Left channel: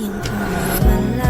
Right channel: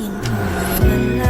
迎风而来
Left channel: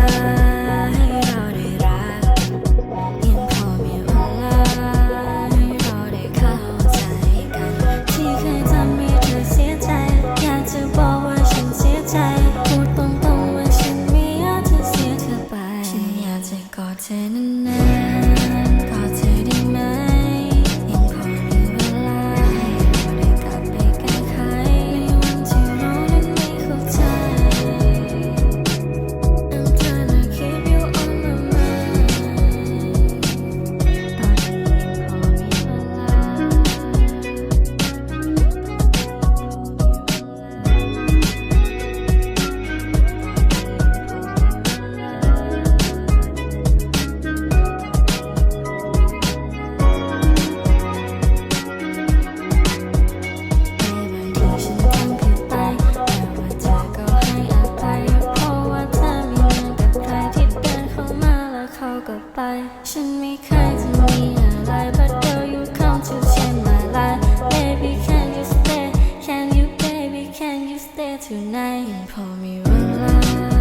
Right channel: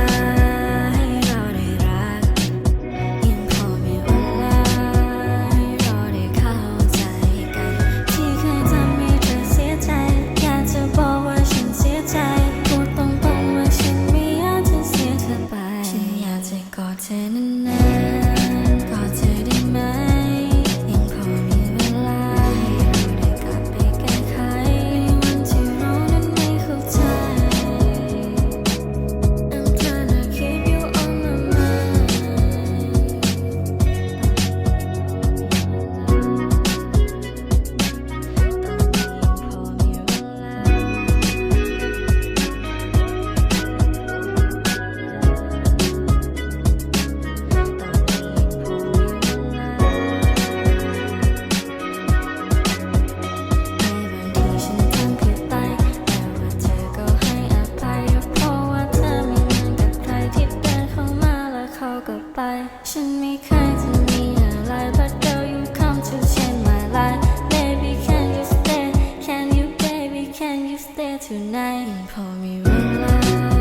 Can you stay tonight and pour me one glass?